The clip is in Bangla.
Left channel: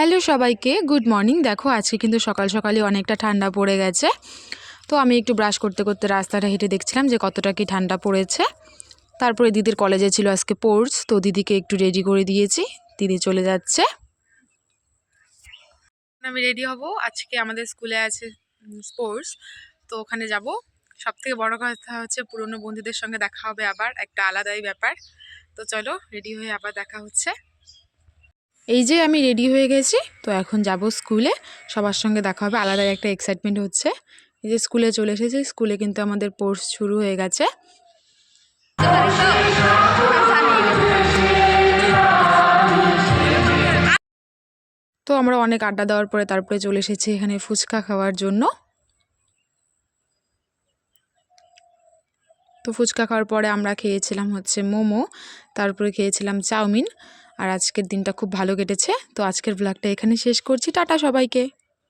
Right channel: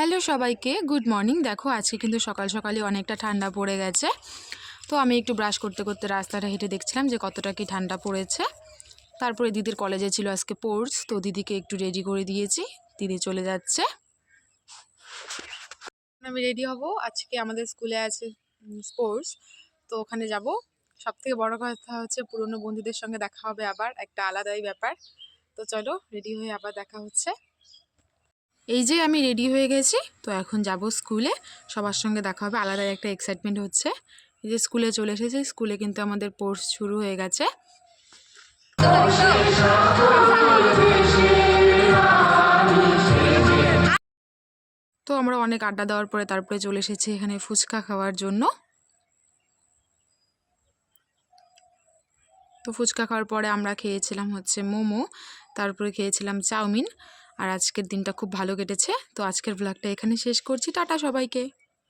হ্যালো সবাইকে, গুড মর্নিং। দেখো আজকে কিন্তু সকাল সকালই অনেকটা ঠান্ডা পড়ে গেছে। তো আমি একটু ব্রাশ করতে করতে রাস্তাটা হেঁটে দেখছিলাম যে কতটা কি ঠান্ডা পড়েছে। তারপরে দিদির কলেজে ছিল আজকে স্পোর্টস, তো দিদিকে একটু রেডি করে দিয়েছি। দিদি চলে যাচ্ছে, আমি রেডি হব। আজকে আমাদের স্কুলে আছে স্পোর্টস, তো ওখানে যাব। সব থেকে বড় কথা হচ্ছে পুরনো বন্ধুদের সঙ্গে দেখা হবে, আবার একটা আলাদাই ব্যাপার। তো চলো রেডি হয়ে আবার দেখা হচ্ছে। এই যে আমি রেডি হয়ে গেছি, তো এখন যাব স্কুলে, সবার সঙ্গে দেখা হবে। আলাদা একটা এক্সাইটমেন্ট হচ্ছে। এই যে স্কুলে চলে এসেছি, স্কুলে কিন্তু আমাদের কোর্স শুরু হয়ে গেছে। তো আমরা অনেক আড্ডা দেওয়ার পরে তারপরে চলে এসেছি এখানে ফুচকা খাওয়ার জন্য। তো ফুচকা খাওয়ার পরে আমরা খেয়েছিলাম হচ্ছে মোমো, তারপরে খেয়েছিলাম চাউমিন। আর আজকের দিনটা খুব ভালো কেটেছে। তো আজকের ব্লগটা এখানে শেষ করছি। টাটা সবাইকে।